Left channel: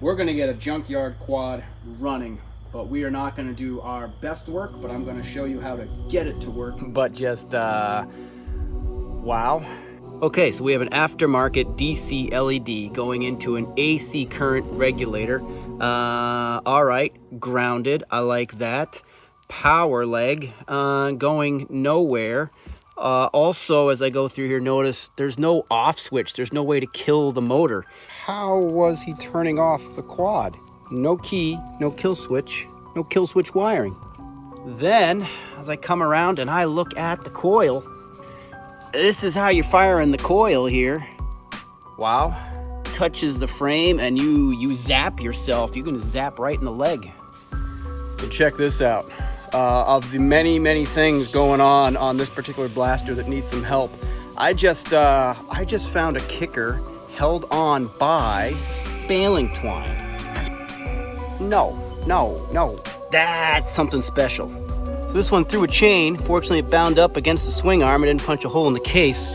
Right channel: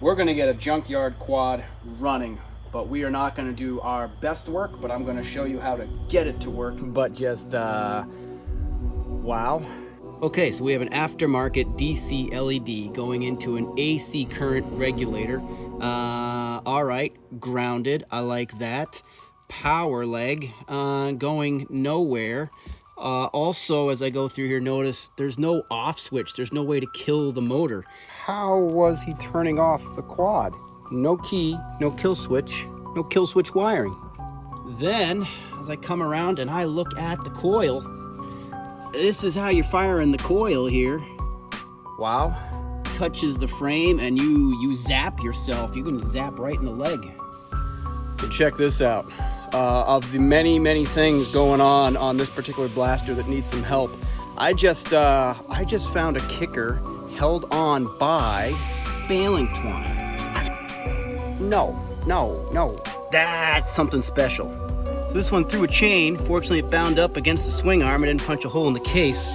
We're gonna get a junkyard quad running, but we are not gonna do our best work, but I'm gonna show you how to get it to work. But just, wow. Okay, so we have an aftermarket DC LED going into an AC current regulator. All right, grounded, I like that. Power leg, going nowhere. Also, as I go through here, notice there's no off switch. There's no way to kill the motor. How was he turning off the quad? No key, no kill switch wiring. Then, as I come around and I look at the coil, this is how you fire in the coil here. Wow. Touches the frame and you zap yourself. You can zap right in the leg. So check this out. Of the many things going on this particular blaster that needs some help, I just found a kicker held on by baling twine. No, that's something special. So this one threw a chain. Fortunately, it bound up against the swing arm. It didn't punch a hole in the case.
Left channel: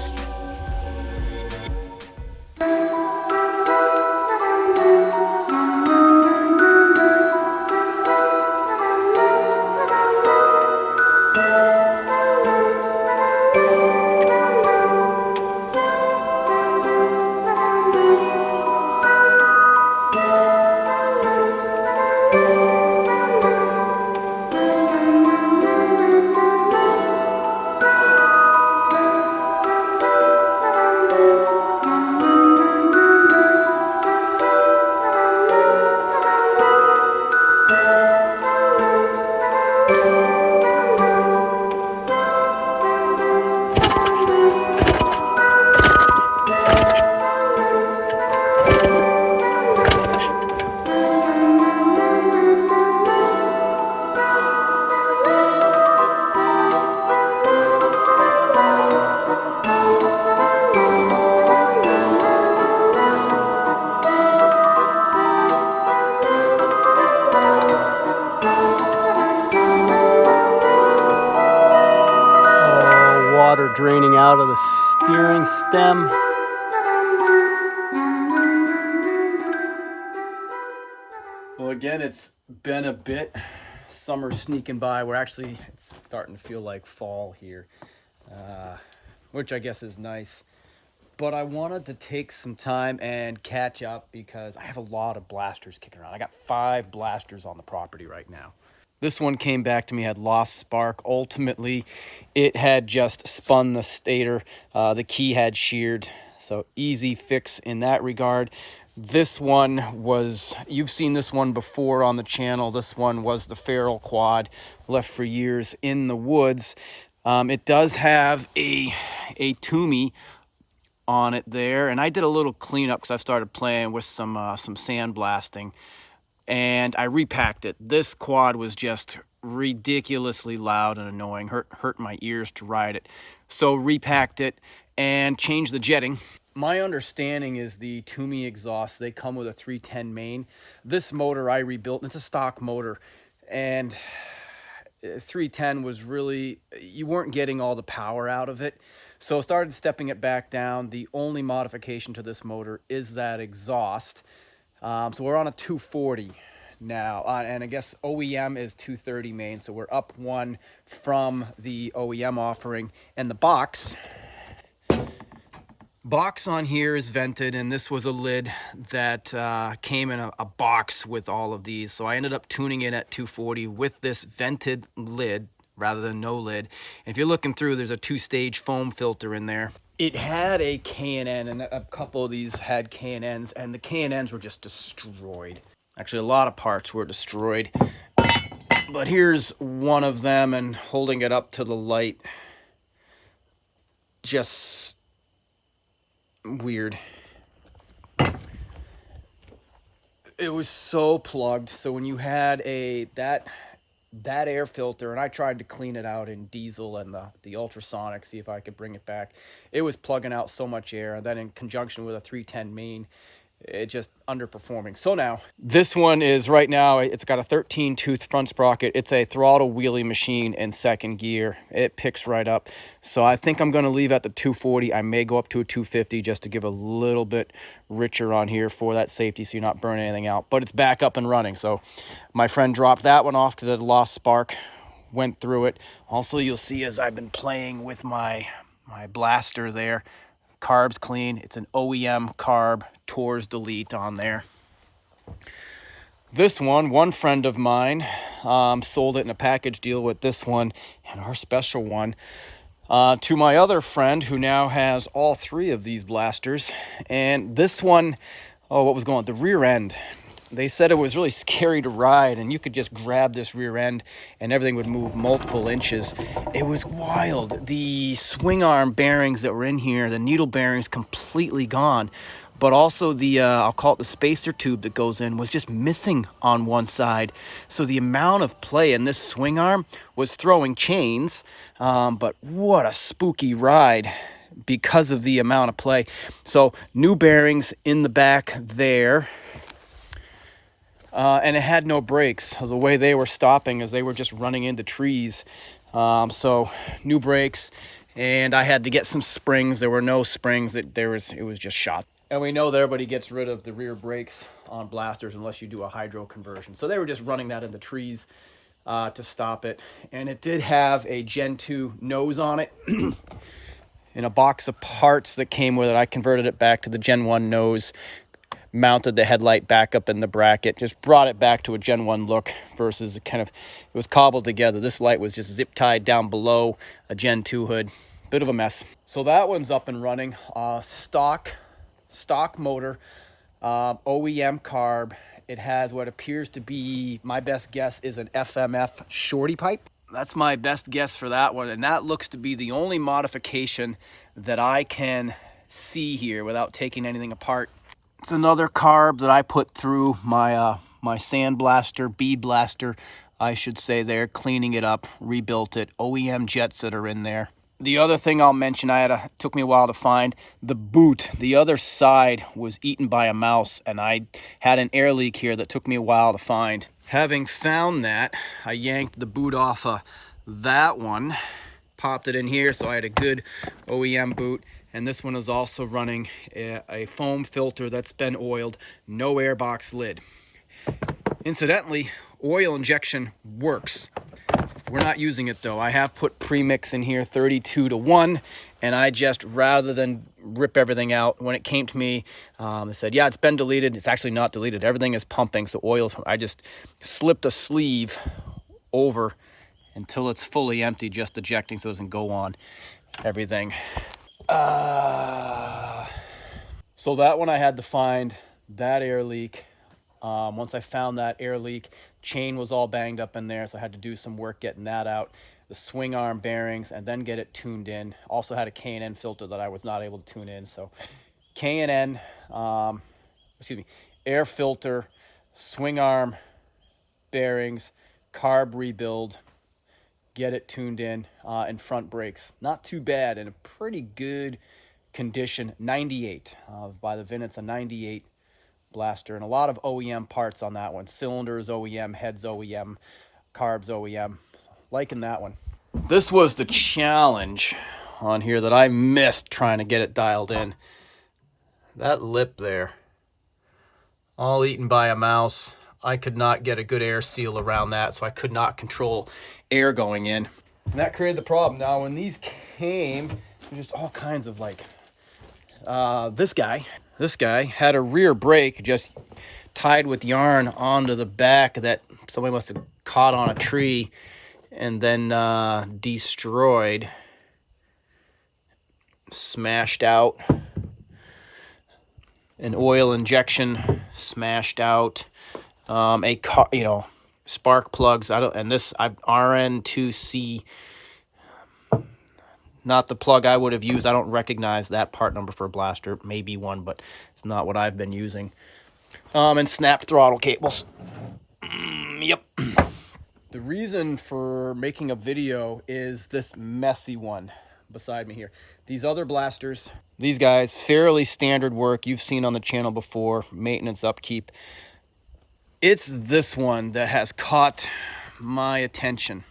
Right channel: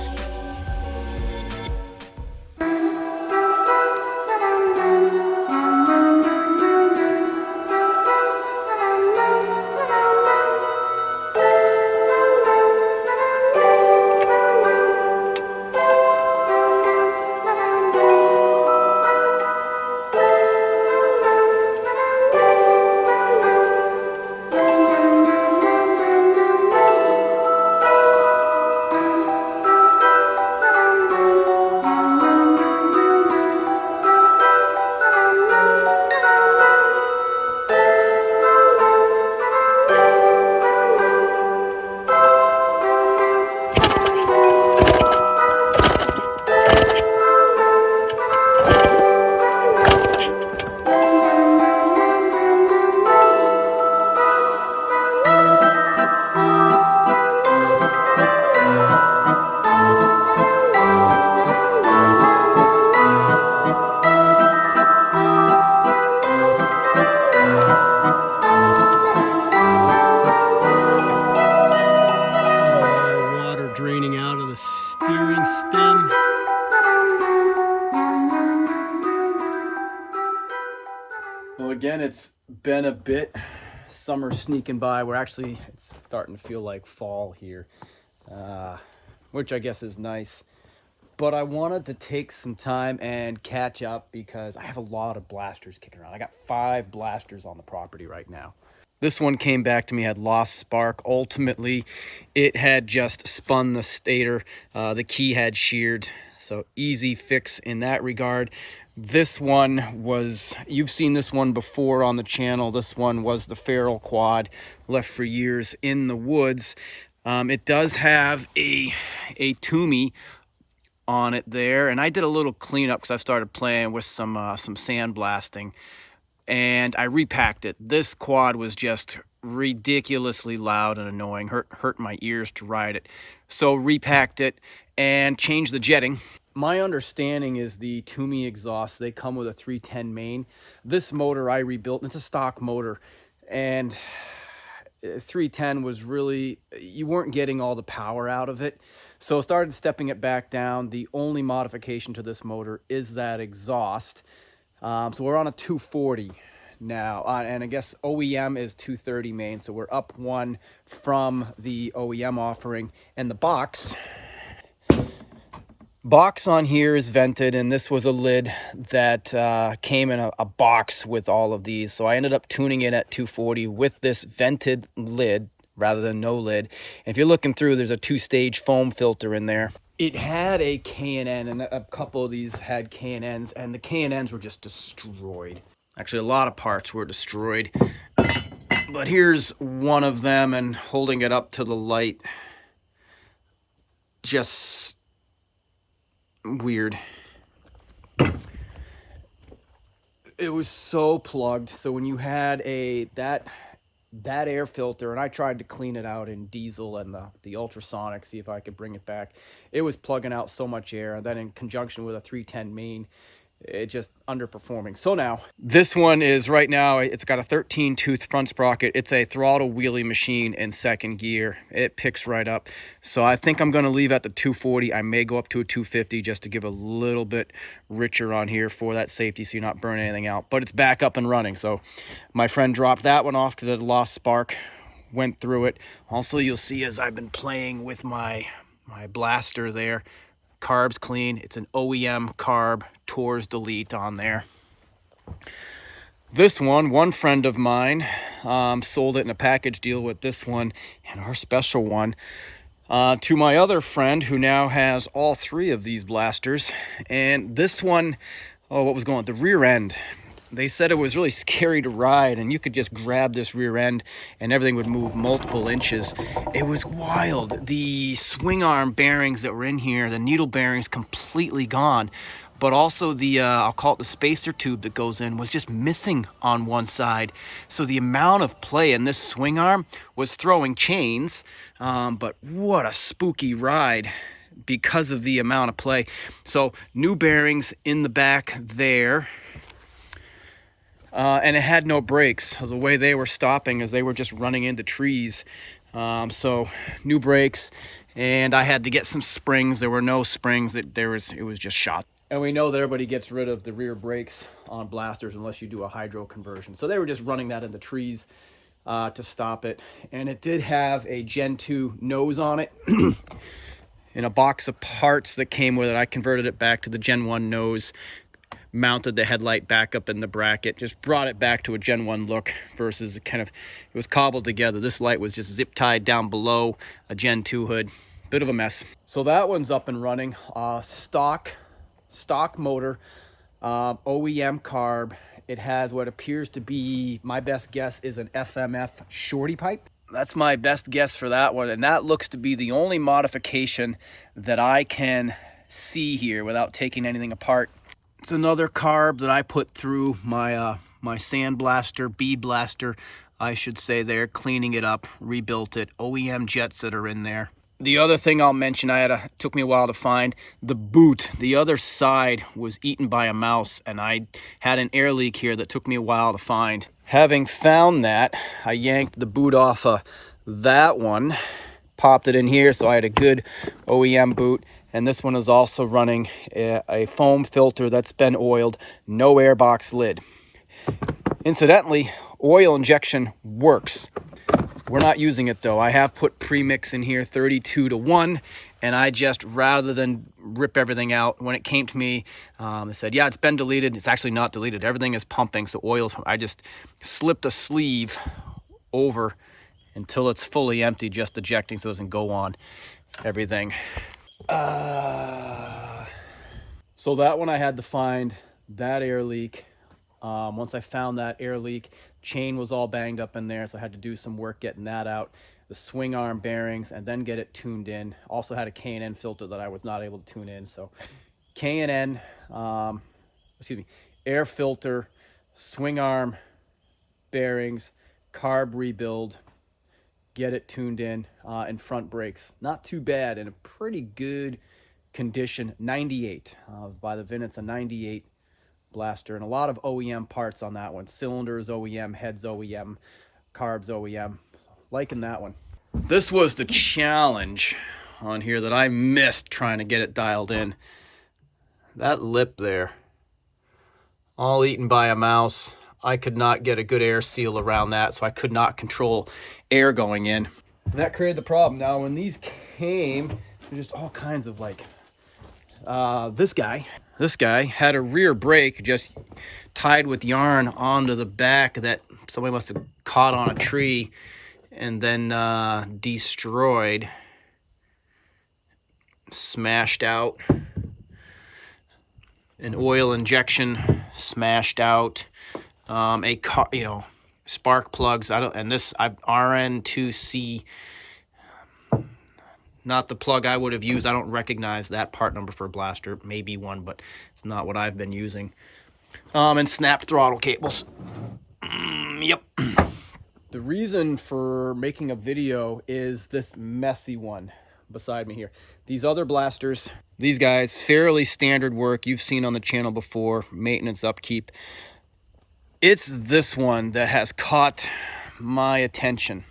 Draining out of the steering stem. Well, again, it's been a bit. Summer's sneaking by. It's starting to feel like fall here, which I guess is nice. But I wanted to take some time and catch up because I have a lot of blasters kicking around. I got 5 blasters on the property right now. This one came back to me, had lost spark. Ultimately, it had just spun the stator. The key had sheared, so easy fix in that regard. This one was, you've seen this one before on the channel. This one was the feral quad, left for years in the woods. It does have a Toomey on it there, and I did a little cleanup because I started playing with some sandblasting. And I repacked it. This quad was just ridiculously loud and annoying, hurt my ears to ride it. So repacked it and changed the jetting. My understanding is the Toomey exhaust, they come with a 310 main. This motor I rebuilt, and it's a stock motor, and 310 was really, you weren't getting all the power out of it. So started stepping it back down. The only modification to this motor is that exhaust. So we're on a 240 now, and I guess OEM is 230 main, so we're up one from the OEM offering. And the box on here is vented, and this was a lid that came in a box with all of these. So I ended up tuning it at 240 with this vented lid rather than no lid. And if you're looking through, there's a 2-stage foam filter in there. It had a K&N, and a couple of these had K&Ns, and the K&Ns were just destroyed. Actually, a lot of parts were destroyed. But here's one of them, and holding it up to the light, just weird. It was so plugged. So when you had that air filter, and I tried to clean it out in diesel and the ultrasonic, see if I could bring it back, it was plugging out so much air. And then in conjunction with a 310 main, it just underperforming. So now this one is right now, it's got a 13 tooth front sprocket. It's a throttle wheelie machine in second gear. It picks right up. So I think I'm going to leave at the 240. I may go up to a 250 just to give a little bit richer on here for that safety, so you're not burning anything out. But it's back up and running. So my friend dropped that one off to the lost spark, went through it. Also, you'll see as I've been playing with my blaster there, carb's clean. It's an OEM carb Tours Delete on there. This one friend of mine sold it in a package deal with this one and our special one to my other friend who now has all three of these blasters. And this one, oh, what was going on? The rear end. They said it was really scary to ride, and you could just grab this rear end and everything would move multiple inches. It was wild. The swing arm bearings that were in here, the needle bearings, completely gone. But also the, I'll call it the spacer tube that goes in, was just missing on one side. So the amount of play in this swing arm was throwing chains, but what a spooky ride because of the amount of play. So new bearings in the back there. And it had no brakes. The way they were stopping is they were just running into trees. So new brakes, and I had to get some springs. There were no springs. It was just shot. And we know that everybody gets rid of the rear brakes on blasters unless you do a hydro conversion. So they were just running that into trees to stop it. And it did have a Gen 2 nose on it. In a box of parts that came with it, I converted it back to the Gen 1 nose, mounted the headlight back up in the bracket, just brought it back to a Gen 1 look versus it was cobbled together. This light was just zip tied down below a Gen 2 hood. Bit of a mess. So that one's up and running. Stock motor, OEM carb. It has what appears to be, my best guess is an FMF shorty pipe. That's my best guess for that one, and that looks to be the only modification that I can see here without taking anything apart. It's another carb that I put through my my sand blaster, bead blaster, I should say there, cleaning it up, rebuilt it, OEM jets that are in there. The other thing I'll mention, took me a while to find, the boot. The other side was eaten by a mouse, and I had an air leak here that took me a while to find. Having found that, I yanked the boot off of that one, popped it in here, so I had a good OEM boot. And this one is also running a foam filter that's been oiled, no airbox lid. Incidentally, oil injection works. We're not using it though. I have put premix in here, 32:1, and I just, rather than rip everything out, when it came to me, they said, yeah, it's been deleted. It's actually not deleted. Everything is pumping, so oil's, I just slipped a sleeve over until it's fully empty, just ejecting so it doesn't go on everything. So that one I had to find that air leak. Once I found that air leak, chain was all banged up in there, so I had to do some work getting that out. The swing arm bearings, and then get it tuned in. Also had a K&N filter that I was not able to tune in. So K&N, air filter, swing arm bearings, carb rebuild, get it tuned in, and front brakes. Not too bad, in a pretty good condition. 98 by the VIN. It's a 98 blaster, and a lot of OEM parts on that one. Cylinders OEM, heads OEM, carbs OEM. So, liking that one. This was the challenge on here that I missed trying to get it dialed in. That lip there, all eaten by a mouse. I could not get a good air seal around that, so I could not control air going in. And that created the problem. Now, when these came, there's just all kinds of like, this guy had a rear brake just tied with yarn onto the back that somebody must have caught on a tree and then destroyed, smashed out. An oil injection smashed out. Spark plugs. RN2C, not the plug I would have used. I don't recognize that part number for a blaster. Maybe one, but it's not what I've been using. And snapped throttle cables. Yep. The reason for making a video is this messy one beside me here. These other blasters, These guys, fairly standard work you've seen on the channel before, maintenance, upkeep. It's this one that has caught my attention.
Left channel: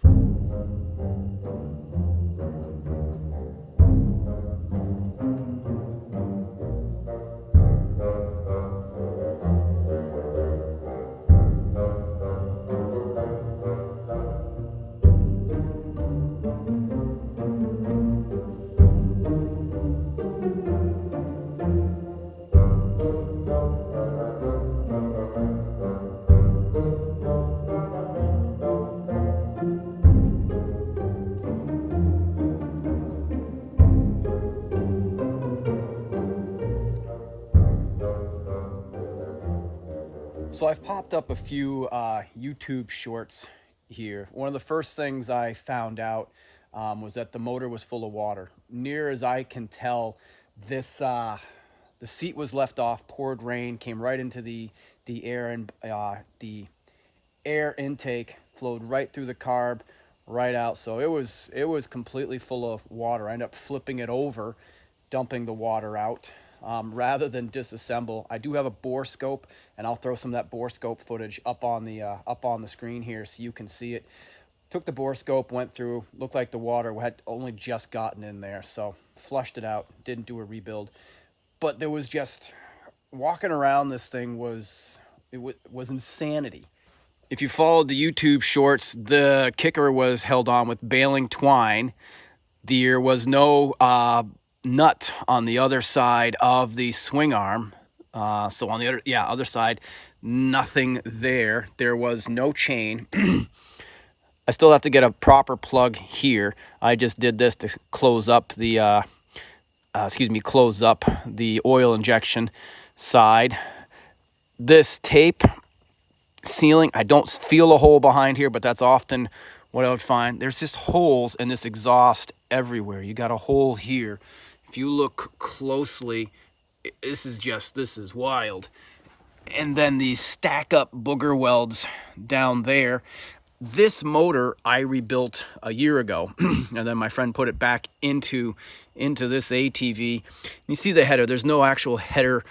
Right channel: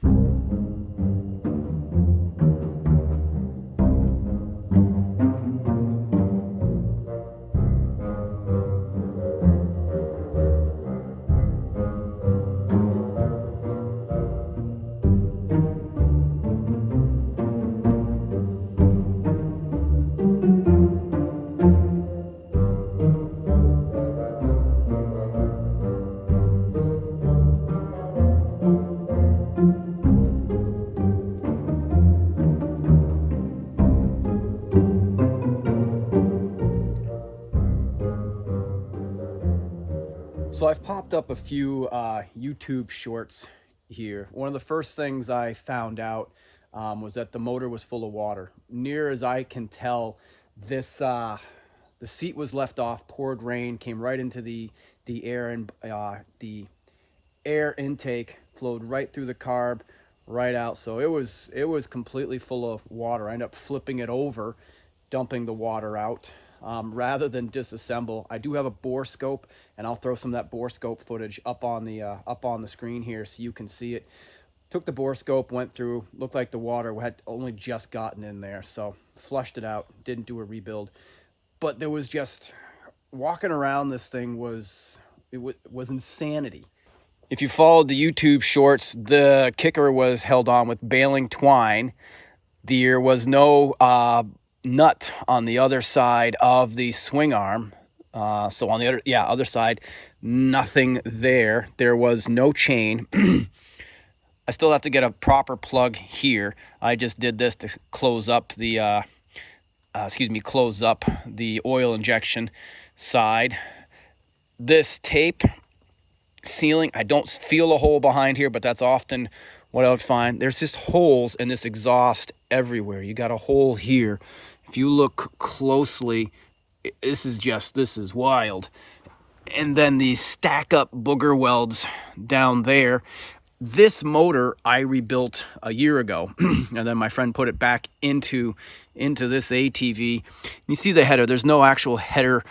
So I've popped up a few YouTube shorts here. One of the first things I found out was that the motor was full of water. Near as I can tell, this the seat was left off, poured rain, came right into the air, and the air intake flowed right through the carb, right out. So it was completely full of water. I ended up flipping it over, dumping the water out. Rather than disassemble, I do have a bore scope, and I'll throw some of that bore scope footage up on the screen here so you can see it. Took the bore scope, went through, looked like the water had only just gotten in there, so flushed it out, didn't do a rebuild. But there was just, walking around this thing was insanity. If you followed the YouTube shorts, the kicker was held on with baling twine. There was no nut on the other side of the swing arm. So on the other side, nothing there. There was no chain. I still have to get a proper plug here. I just did this to close up the, close up the oil injection side. This tape sealing, I don't feel a hole behind here, but that's often what I would find. There's just holes in this exhaust everywhere. You got a hole here. If you look closely, this is wild. And then these stack up booger welds down there. This motor I rebuilt a year ago, and then my friend put it back into this ATV. You see the header. There's no actual header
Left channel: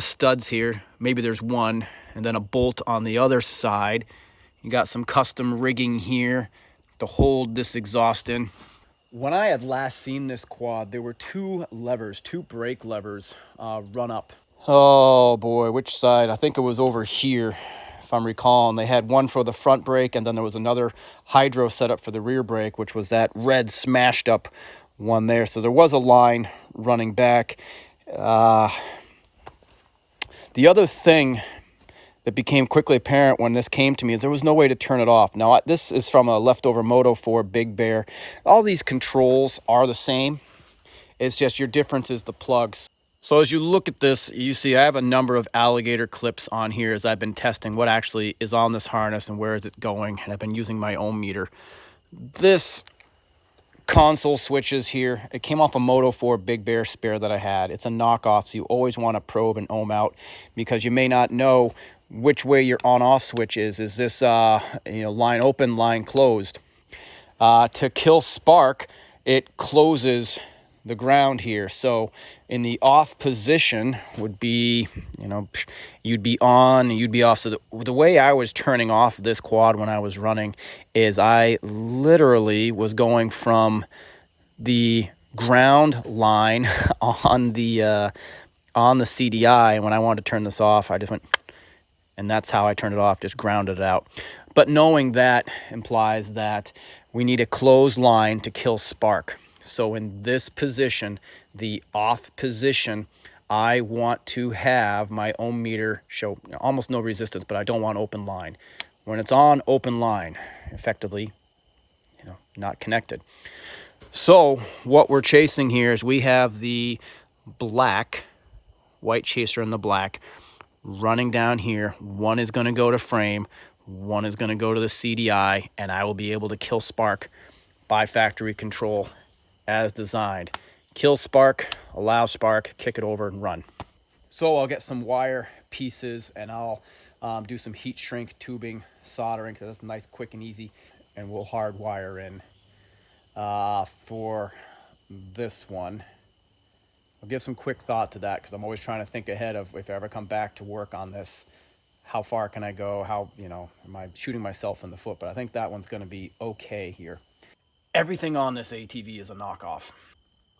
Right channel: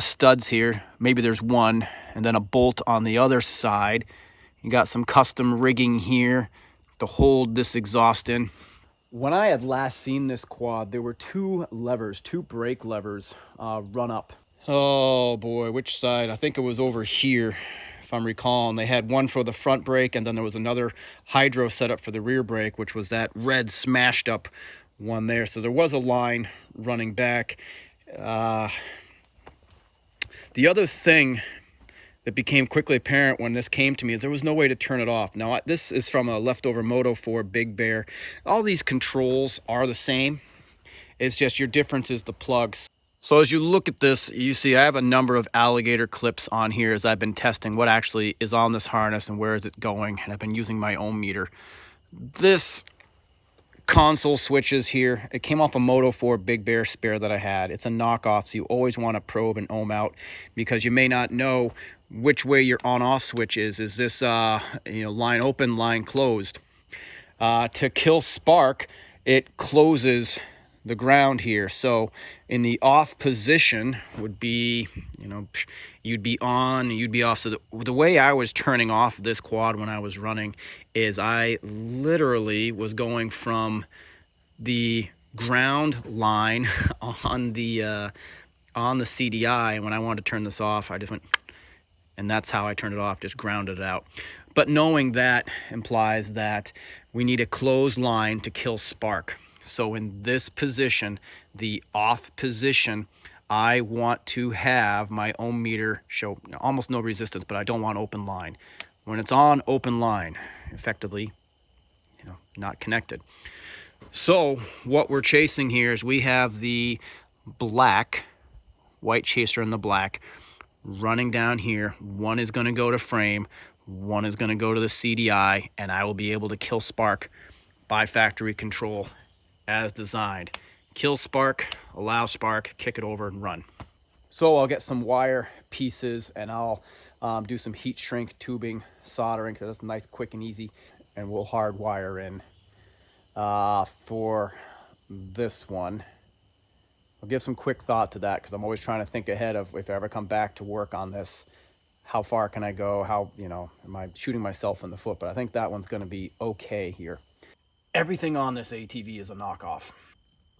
studs here. Maybe there's one, and then a bolt on the other side. You got some custom rigging here to hold this exhaust in. When I had last seen this quad, there were two brake levers run up. Oh boy, which side? I think it was over here, if I'm recalling. They had one for the front brake, and then there was another hydro setup for the rear brake, which was that red smashed up one there. So there was a line running back. The other thing that became quickly apparent when this came to me is there was no way to turn it off. Now, this is from a leftover Moto 4 Big Bear. All these controls are the same. It's just your difference is the plugs. So as you look at this, you see I have a number of alligator clips on here as I've been testing what actually is on this harness and where is it going. And I've been using my ohm meter. This console switches here, it came off a Moto 4 Big Bear spare that I had. It's a knockoff, so you always want to probe and ohm out because you may not know which way your on-off switch is. Is this line open, line closed? To kill spark, it closes the ground here. So in the off position would be, you'd be on, you'd be off. So the way I was turning off this quad when I was running is I literally was going from the ground line on the CDI. And when I wanted to turn this off, I just went, and that's how I turned it off, just grounded it out. But knowing that implies that we need a closed line to kill spark. So in this position, the off position, I want to have my ohm meter show almost no resistance, but I don't want open line. When it's on open line, effectively, not connected. So what we're chasing here is we have the white chaser in the black, running down here. One is going to go to frame, one is going to go to the CDI, and I will be able to kill spark by factory control as designed. Kill spark, allow spark, kick it over and run. So I'll get some wire pieces and I'll do some heat shrink tubing soldering because that's nice, quick and easy, and we'll hardwire in for this one. I'll give some quick thought to that because I'm always trying to think ahead of if I ever come back to work on this, how far can I go? How, am I shooting myself in the foot? But I think that one's going to be okay here. Everything on this ATV is a knockoff.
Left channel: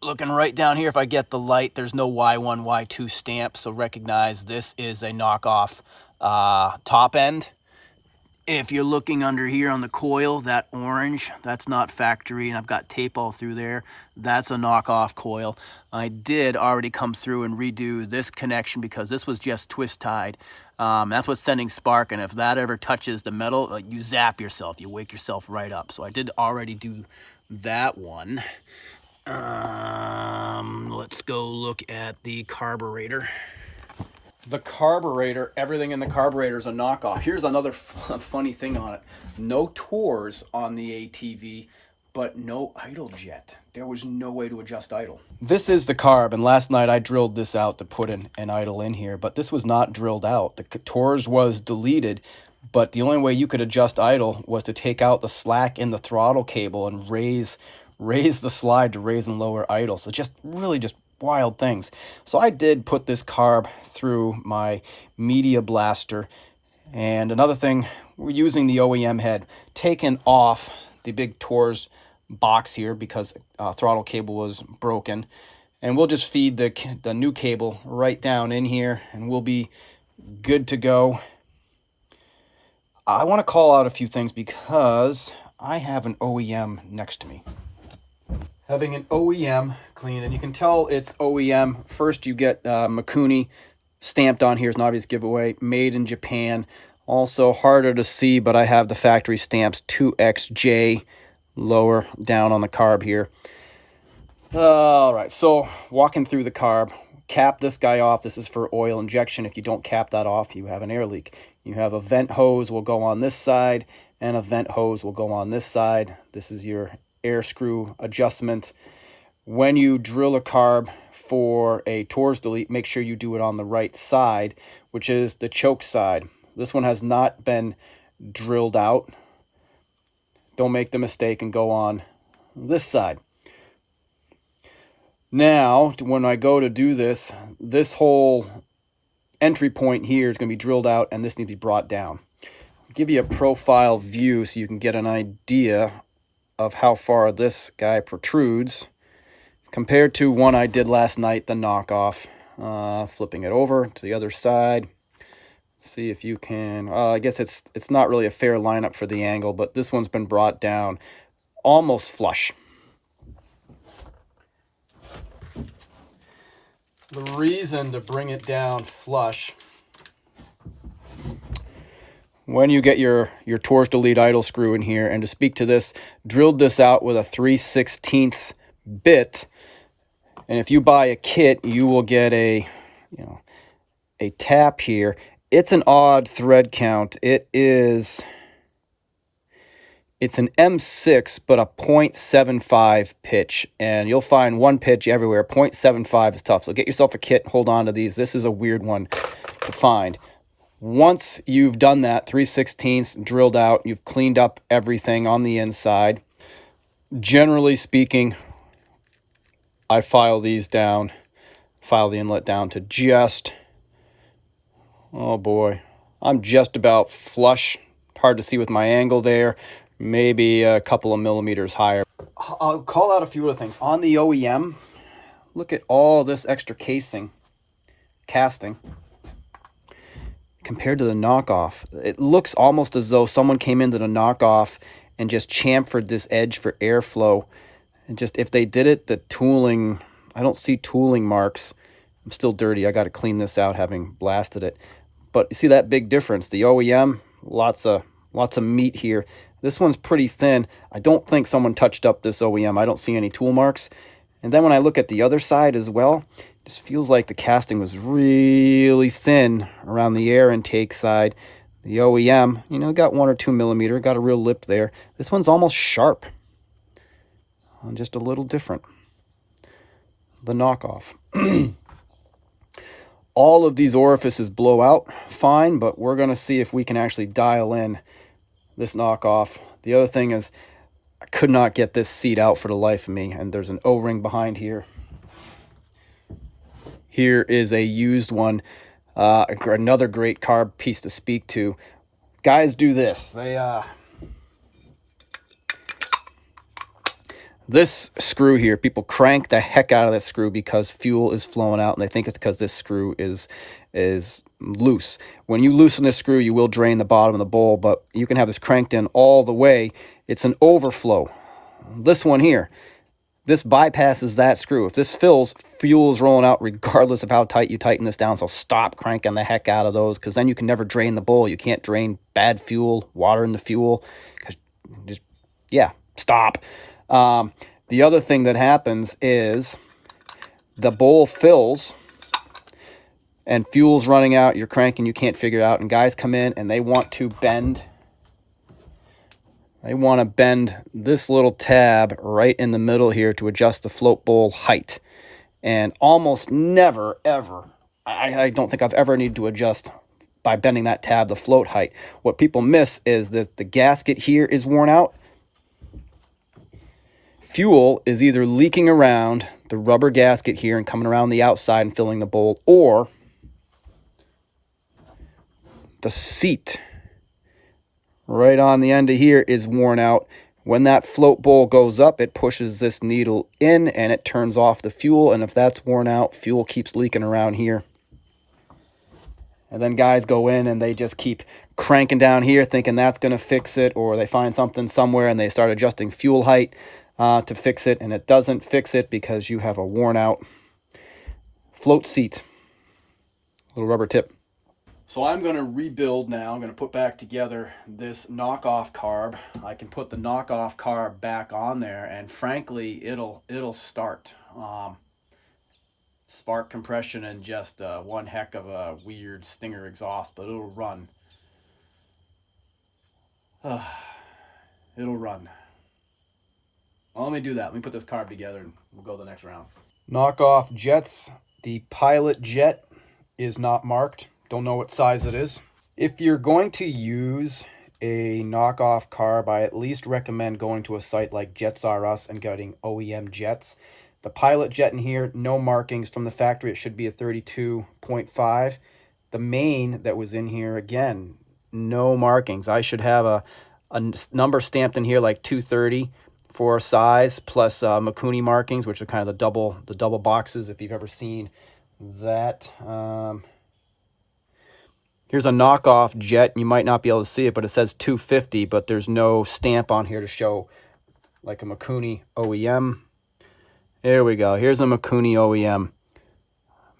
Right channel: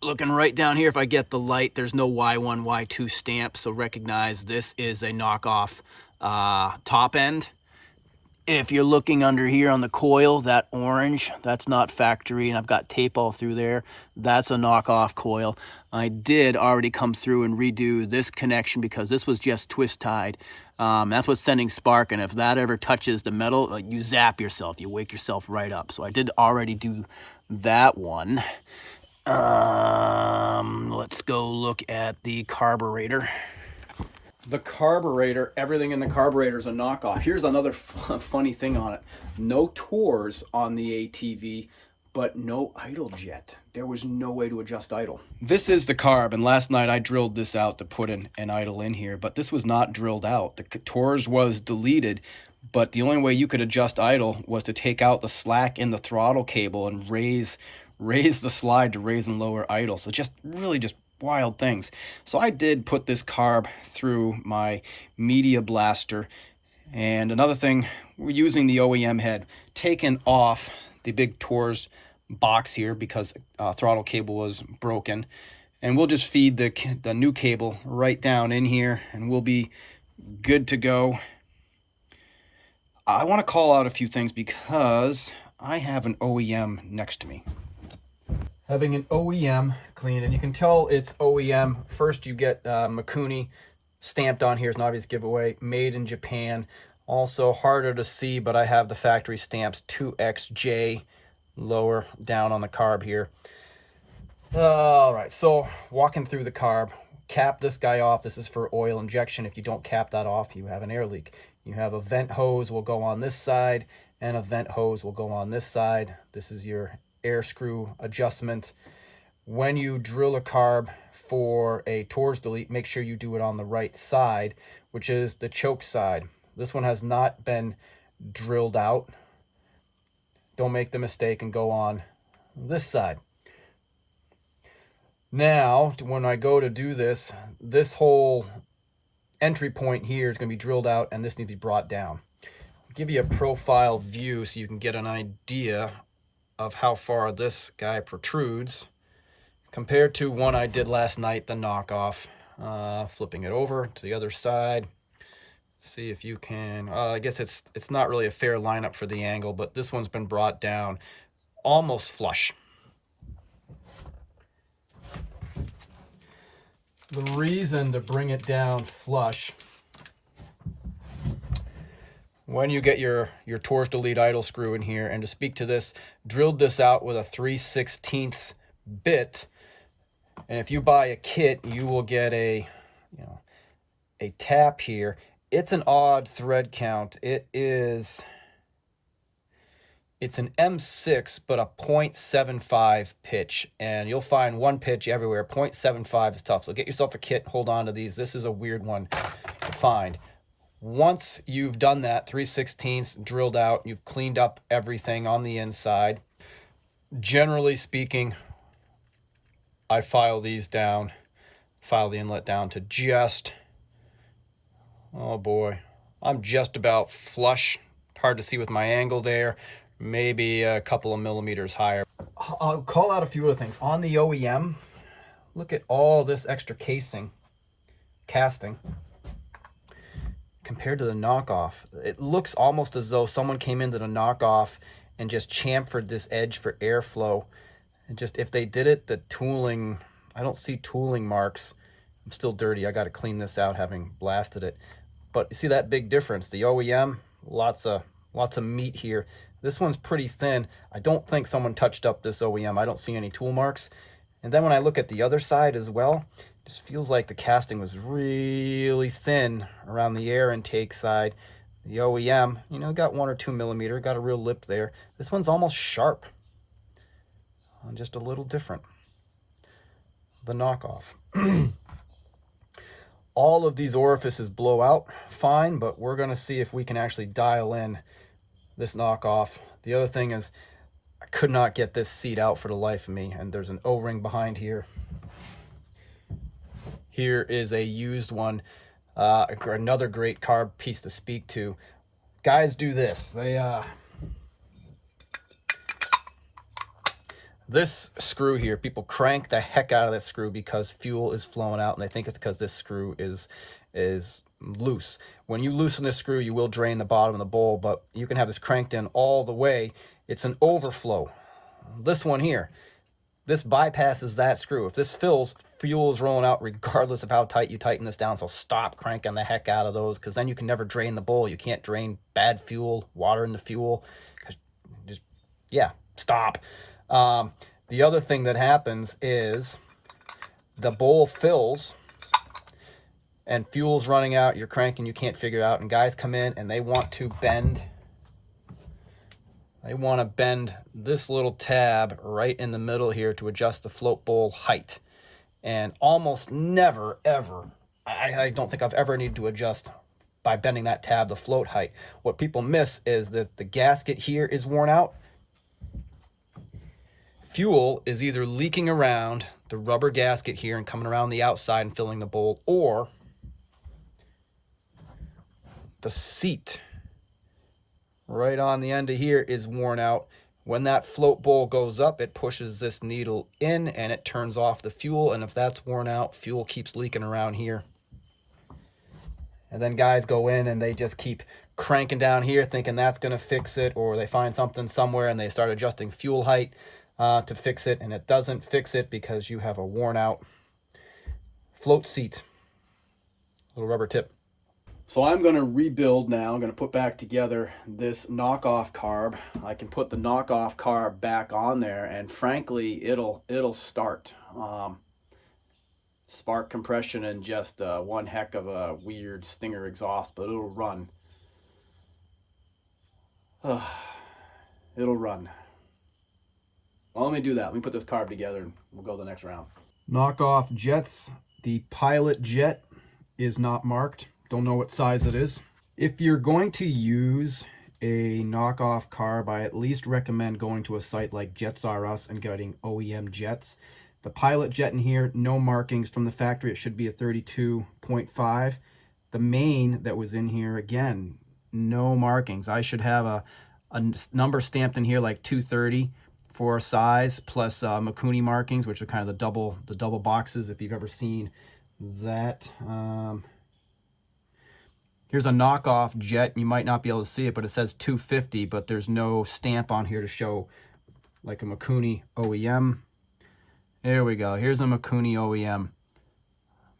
Looking right down here, if I get the light, there's no Y1, Y2 stamp, so recognize this is a knockoff top end. If you're looking under here on the coil, that orange, that's not factory, and I've got tape all through there. That's a knockoff coil. I did already come through and redo this connection because this was just twist tied. That's what's sending spark, and if that ever touches the metal, you zap yourself. You wake yourself right up. So I did already do that one. Let's go look at the carburetor. The carburetor, everything in the carburetor is a knockoff. Here's another funny thing on it. No tours on the ATV, but no idle jet. There was no way to adjust idle. This is the carb, and last night I drilled this out to put an idle in here, but this was not drilled out. The tours was deleted, but the only way you could adjust idle was to take out the slack in the throttle cable and raise the slide to raise and lower idle. So just wild things. So I did put this carb through my Yamaha Blaster. And another thing, we're using the OEM head, taken off the big Tours box here because throttle cable was broken. And we'll just feed the new cable right down in here and we'll be good to go. I want to call out a few things because I have an OEM next to me. Having an OEM clean, and you can tell it's OEM. First, you get Mikuni stamped on here. It's an obvious giveaway. Made in Japan. Also harder to see, but I have the factory stamps 2XJ lower down on the carb here. All right, so walking through the carb, cap this guy off. This is for oil injection. If you don't cap that off, you have an air leak. You have a vent hose will go on this side, and a vent hose will go on this side. This is your air screw adjustment. When you drill a carb for a Tours delete, make sure you do it on the right side, which is the choke side. This one has not been drilled out. Don't make the mistake and go on this side. Now, when I go to do this, this whole entry point here is going to be drilled out and this needs to be brought down. I'll give you a profile view so you can get an idea of how far this guy protrudes compared to one I did last night, the knockoff. Flipping it over to the other side. See if you can, I guess it's not really a fair lineup for the angle, but this one's been brought down almost flush. The reason to bring it down flush, when you get your Tours delete idle screw in here, and to speak to this, drilled this out with a 3/16 bit, and if you buy a kit, you will get a tap here. It's an odd thread count. It's an M6, but a 0.75 pitch, and you'll find one pitch everywhere. 0.75 is tough, so get yourself a kit, hold on to these. This is a weird one to find. Once you've done that, 3/16 drilled out, you've cleaned up everything on the inside. Generally speaking, I file these down, file the inlet down to just, oh boy, I'm just about flush. Hard to see with my angle there. Maybe a couple of millimeters higher. I'll call out a few other things. On the OEM, look at all this extra casting. Compared to the knockoff, it looks almost as though someone came into the knockoff and just chamfered this edge for airflow. And just, if they did it, the tooling, I don't see tooling marks. I'm still dirty. I got to clean this out having blasted it. But you see that big difference? The OEM, lots of meat here. This one's pretty thin. I don't think someone touched up this OEM. I don't see any tool marks. And then when I look at the other side as well, it just feels like the casting was really thin around the air intake side. The OEM, got 1 or 2 millimeter, got a real lip there. This one's almost sharp. Just a little different. The knockoff. All of these orifices blow out fine, but we're going to see if we can actually dial in this knockoff. The other thing is I could not get this seat out for the life of me, and there's an O-ring behind here. Here is a used one, another great carb piece to speak to. Guys do this. This screw here, people crank the heck out of this screw because fuel is flowing out, and they think it's because this screw is loose. When you loosen this screw, you will drain the bottom of the bowl, but you can have this cranked in all the way. It's an overflow. This one here, this bypasses that screw. If this fills, fuel is rolling out regardless of how tight you tighten this down, so stop cranking the heck out of those, because then you can never drain the bowl. You can't drain bad fuel, water in the fuel. Just, yeah, stop. The other thing that happens is the bowl fills and fuel's running out, you're cranking, you can't figure it out, and guys come in and they want to bend. They want to bend this little tab right in the middle here to adjust the float bowl height. And almost never, ever, I don't think I've ever needed to adjust by bending that tab the float height. What people miss is that the gasket here is worn out. Fuel is either leaking around the rubber gasket here and coming around the outside and filling the bowl, or the seat right on the end of here is worn out. When that float bowl goes up, it pushes this needle in and it turns off the fuel, and if that's worn out, fuel keeps leaking around here. And then guys go in and they just keep cranking down here thinking that's going to fix it, or they find something somewhere and they start adjusting fuel height to fix it, and it doesn't fix it because you have a worn out float seat, little rubber tip. So I'm going to rebuild now. I'm going to put back together this knockoff carb. I can put the knockoff carb back on there, and frankly, it'll start. Spark compression and just one heck of a weird stinger exhaust, but it'll run. It'll run. Well, let me do that. Let me put this carb together and we'll go the next round. Knockoff jets. The pilot jet is not marked. Don't know what size it is. If you're going to use a knockoff carb, I at least recommend going to a site like Jets R Us and getting OEM jets. The pilot jet in here, no markings from the factory. It should be a 32.5. The main that was in here, again, no markings. I should have a number stamped in here like 230 for size, plus Mikuni markings, which are kind of the double boxes, if you've ever seen that. Here's a knockoff jet. You might not be able to see it, but it says 250, but there's no stamp on here to show like a Mikuni OEM. There we go. Here's a Mikuni OEM.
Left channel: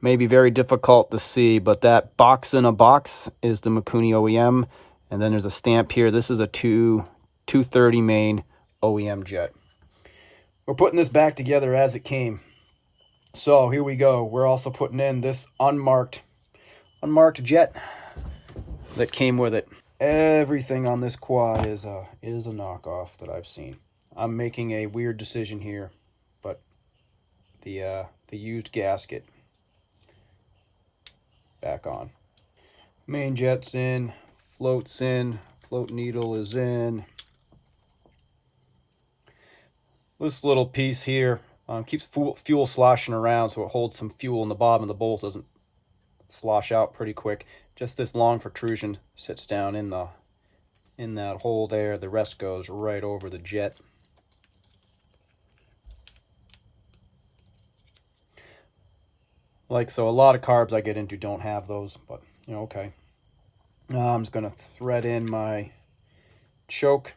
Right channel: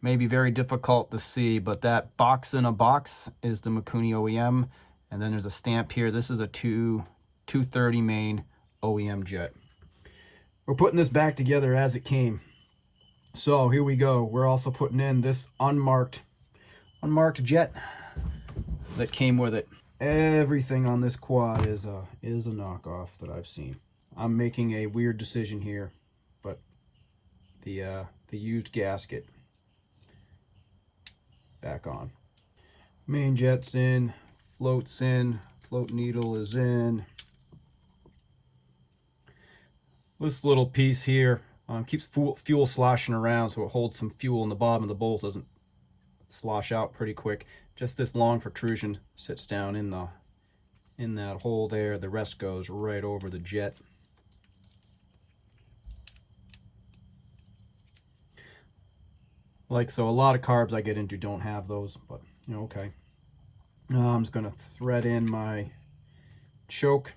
Maybe very difficult to see, but that box in a box is the Mikuni OEM. And then there's a stamp here. This is a 230 main OEM jet. We're putting this back together as it came. So here we go. We're also putting in this unmarked jet that came with it. Everything on this quad is a knockoff that I've seen. I'm making a weird decision here, but the used gasket back on. Main jet's in, float's in, float needle is in. This little piece here keeps fuel sloshing around, so it holds some fuel in the bottom of the bowl. Doesn't slosh out pretty quick. Just this long protrusion sits down in that hole there. The rest goes right over the jet. Like so, a lot of carbs I get into don't have those, but you know, okay. I'm just gonna thread in my choke.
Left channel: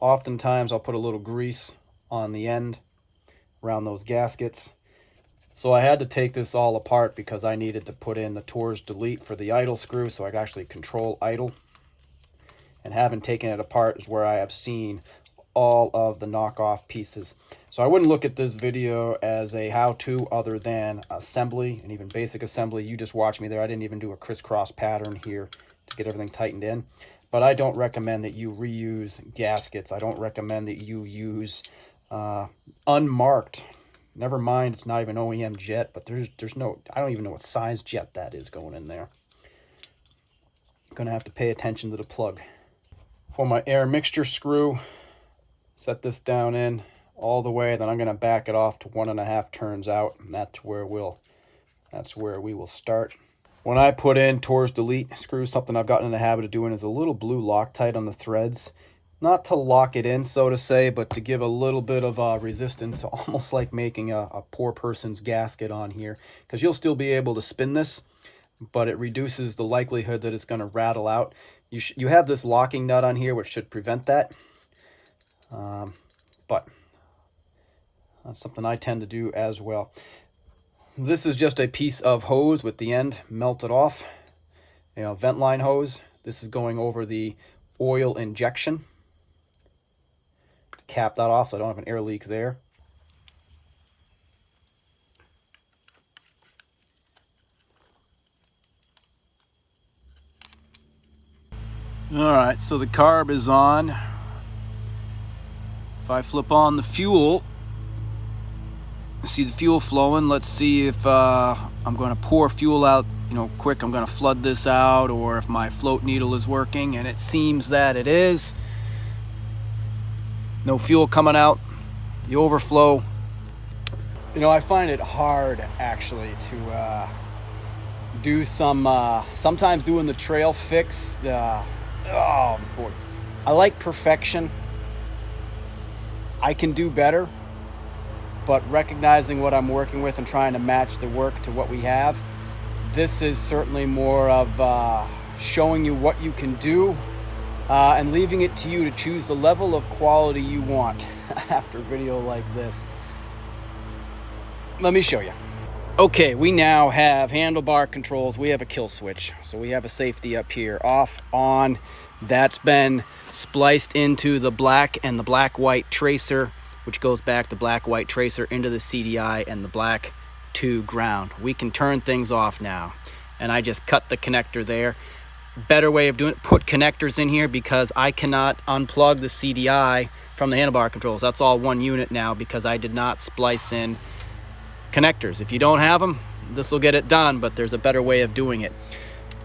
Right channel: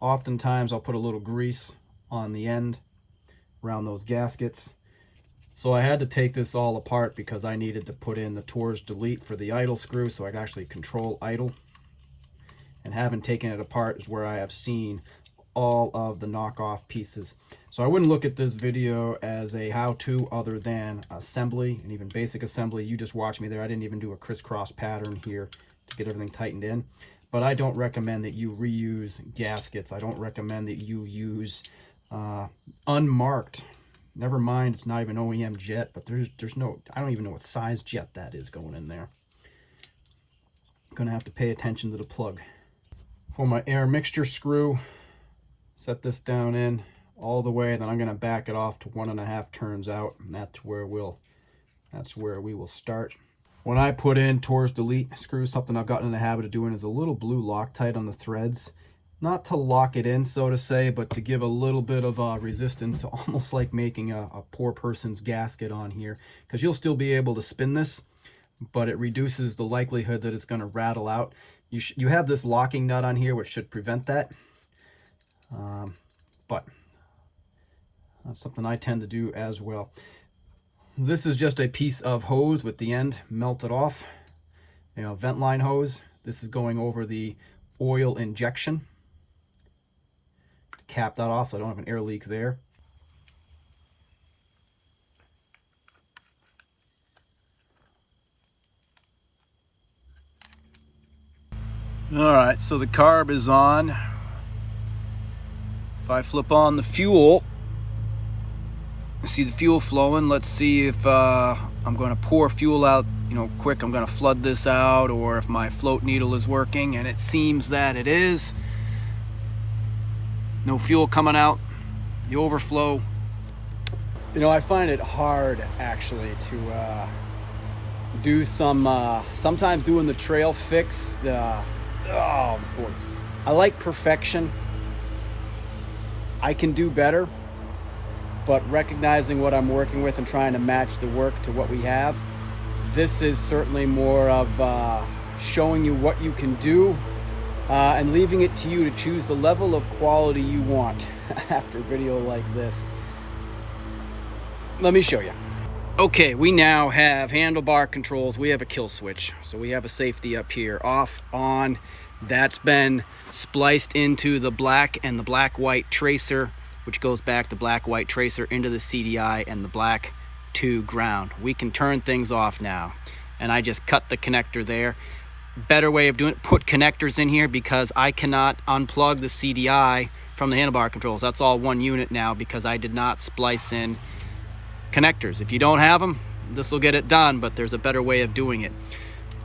Oftentimes I'll put a little grease on the end around those gaskets. So I had to take this all apart because I needed to put in the Tours delete for the idle screw, so I could actually control idle. And having taken it apart is where I have seen all of the knockoff pieces. So I wouldn't look at this video as a how-to other than assembly, and even basic assembly. You just watch me there. I didn't even do a crisscross pattern here to get everything tightened in. But I don't recommend that you reuse gaskets. I don't recommend that you use unmarked. Never mind, it's not even OEM jet, but there's no, I don't even know what size jet that is going in there. Gonna have to pay attention to the plug. For my air mixture screw, set this down in all the way, then I'm gonna back it off to 1.5 turns out, and that's where we'll That's where we will start. When I put in Tor's delete screws, something I've gotten in the habit of doing is a little blue Loctite on the threads. Not to lock it in, so to say, but to give a little bit of resistance, almost like making a poor person's gasket on here. Because you'll still be able to spin this, but it reduces the likelihood that it's going to rattle out. You have this locking nut on here, which should prevent that. But that's something I tend to do as well. This is just a piece of hose with the end melted off. You know, vent line hose. This is going over the oil injection. Cap that off so I don't have an air leak there. All right, so the carb is on. If I flip on the fuel, see the fuel flowing. Let's see if I'm going to pour fuel out, you know, quick. I'm going to flood this out, or if my float needle is working, and it seems that it is. No fuel coming out, the overflow. You know, I find it hard actually to do sometimes doing the trail fix. Oh boy, I like perfection. I can do better, but recognizing what I'm working with and trying to match the work to what we have, this is certainly more of showing you what you can do. And leaving it to you to choose the level of quality you want after a video like this. Let me show you. Okay, we now have handlebar controls. We have a kill switch. So we have a safety up here, off, on. That's been spliced into the black and the black-white tracer, which goes back the black-white tracer into the CDI and the black to ground. We can turn things off now. And I just cut the connector there. Better way of doing it, put connectors in here, because I cannot unplug the CDI from the handlebar controls. That's all one unit now because I did not splice in connectors. If you don't have them, this will get it done, but there's a better way of doing it.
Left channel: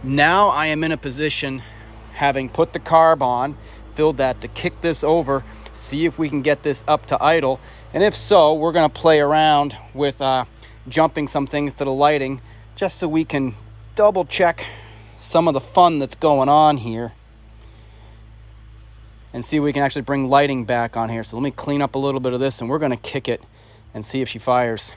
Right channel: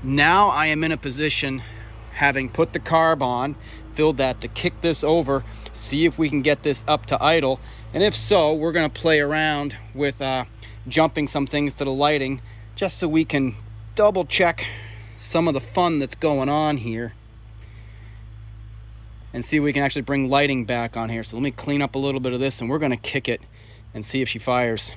Now I am in a position, having put the carb on, filled that, to kick this over, see if we can get this up to idle. And if so, we're going to play around with jumping some things to the lighting, just so we can double check some of the fun that's going on here and see if we can actually bring lighting back on here. So let me clean up a little bit of this, and we're going to kick it and see if she fires.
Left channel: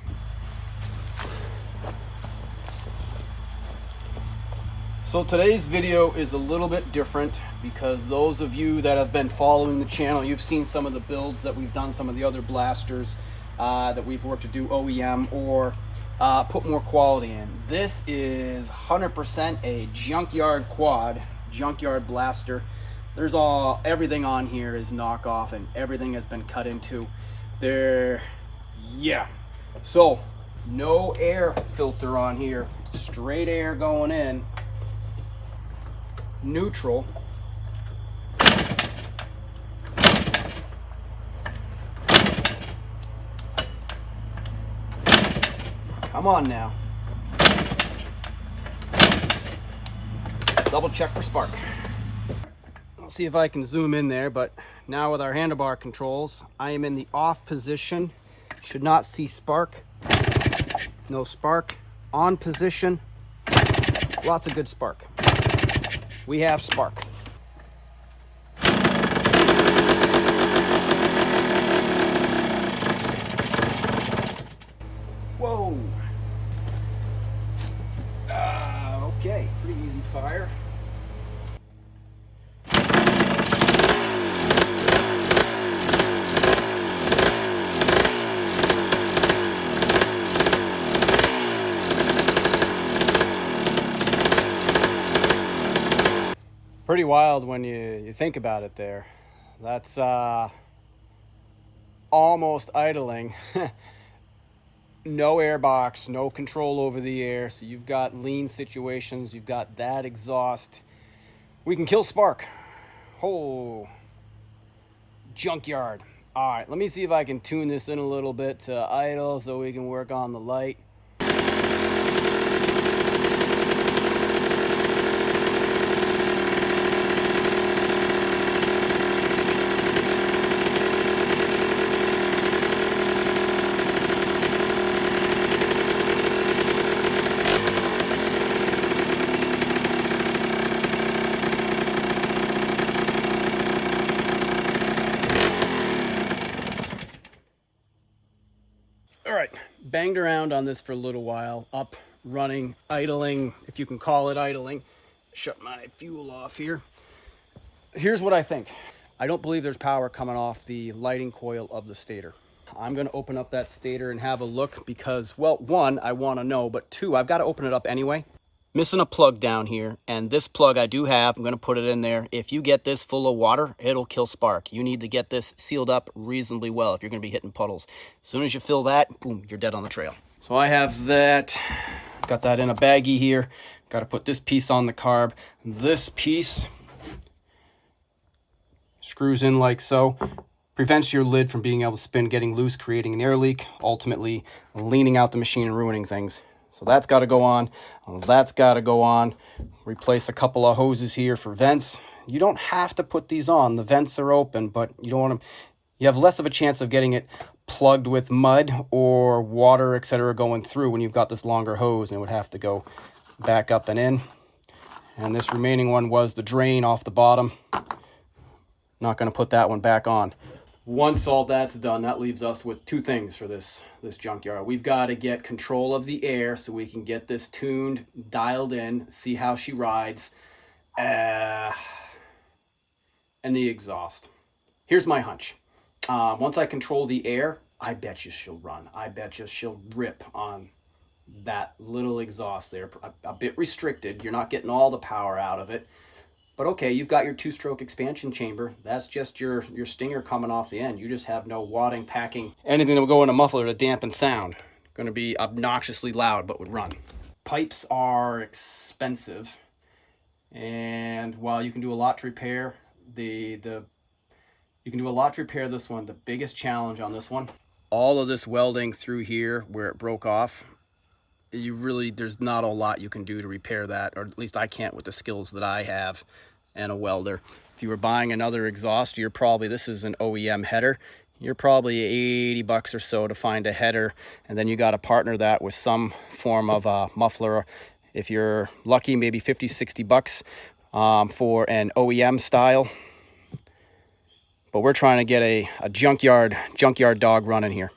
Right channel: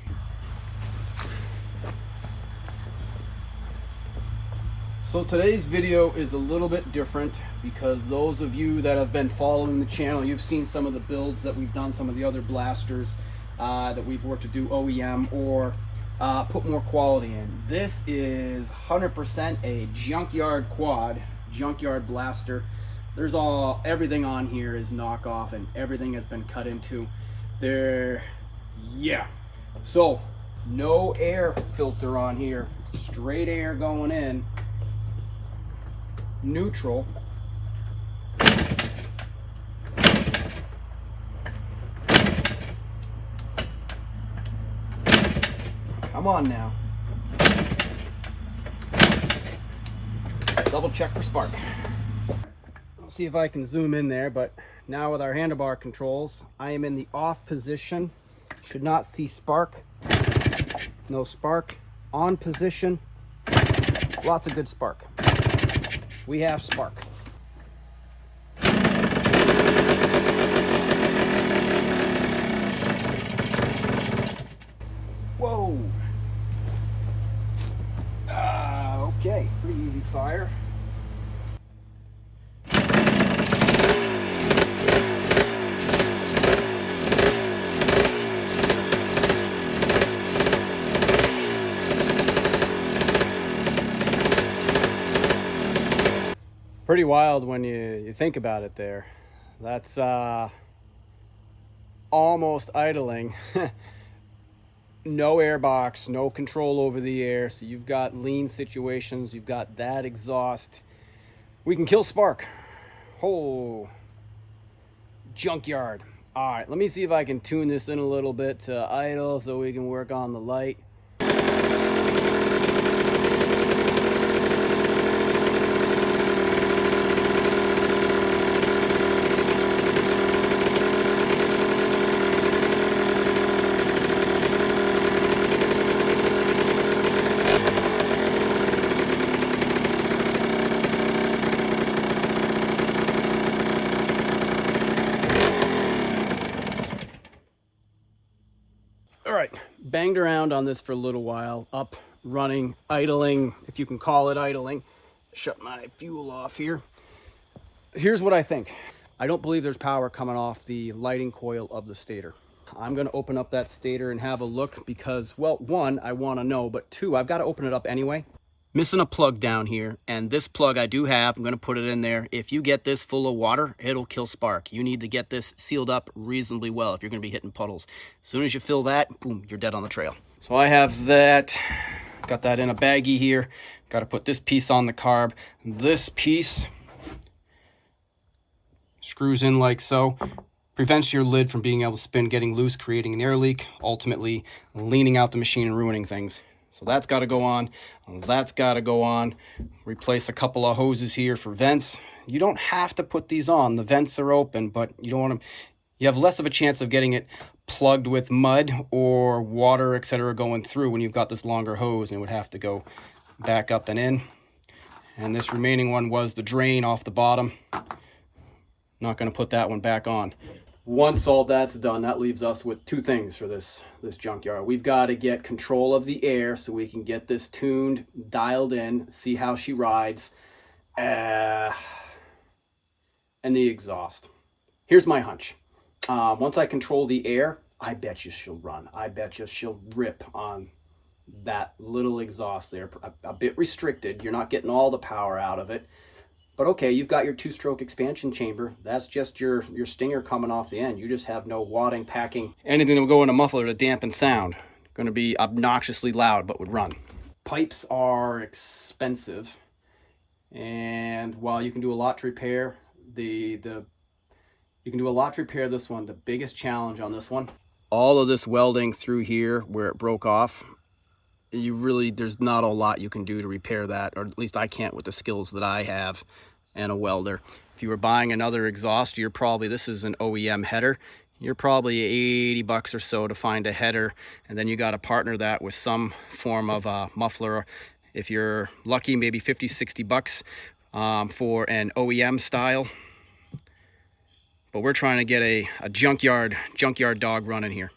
So today's video is a little bit different because those of you that have been following the channel, you've seen some of the builds that we've done, some of the other blasters that we've worked to do OEM or put more quality in. This is 100% a junkyard quad, junkyard blaster. There's everything on here is knockoff, and everything has been cut into there. Yeah, so no air filter on here, straight air going in, neutral. Come on now. Double check for spark. I'll see if I can zoom in there, but now with our handlebar controls, I am in the off position. Should not see spark. No spark. On position. Lots of good spark. We have spark. Whoa. Okay, pretty easy fire. Pretty wild when you think about it there. That's almost idling. No air box, no control over the air, so you've got lean situations, you've got that exhaust. We can kill spark. Oh, junkyard. All right, let me see if I can tune this in a little bit to idle so we can work on the light. banged around on this for a little while, up, running, idling, if you can call it idling. Shut my fuel off here. Here's what I think. I don't believe there's power coming off the lighting coil of the stator. I'm going to open up that stator and have a look because, well, one, I want to know, but two, I've got to open it up anyway. Missing a plug down here, and this plug I do have. I'm going to put it in there. If you get this full of water, it'll kill spark. You need to get this sealed up reasonably well if you're going to be hitting puddles. As soon as you fill that, boom, you're dead on the trail. So I have that. Got that in a baggie here. Got to put this piece on the carb. This piece screws in like so. Prevents your lid from being able to spin, getting loose, creating an air leak, ultimately leaning out the machine and ruining things. So that's got to go on. That's got to go on. Replace a couple of hoses here for vents. You don't have to put these on. The vents are open, but you don't want to. You have less of a chance of getting it plugged with mud or water, etc., going through when you've got this longer hose, and it would have to go back up and in. And this remaining one was the drain off the bottom. Not going to put that one back on. Once all that's done, that leaves us with two things for this junkyard. We've got to get control of the air so we can get this tuned, dialed in, see how she rides, and the exhaust. Here's my hunch. Once I control the air, I bet you she'll run. I bet you she'll rip on that little exhaust there. A bit restricted. You're not getting all the power out of it. But okay, you've got your two-stroke expansion chamber. That's just your stinger coming off the end. You just have no wadding, packing, anything that will go in a muffler to dampen sound. Going to be obnoxiously loud, but would run. Pipes are expensive, and while you can do a lot to repair you can do a lot to repair this one. The biggest challenge on this one, all of this welding through here where it broke off. There's not a lot you can do to repair that, or at least I can't with the skills that I have and a welder. If you were buying another exhaust, this is an OEM header, you're probably 80 bucks or so to find a header, and then you got to partner that with some form of a muffler. If you're lucky, maybe 50, 60 bucks for an OEM style. But we're trying to get a junkyard dog running here.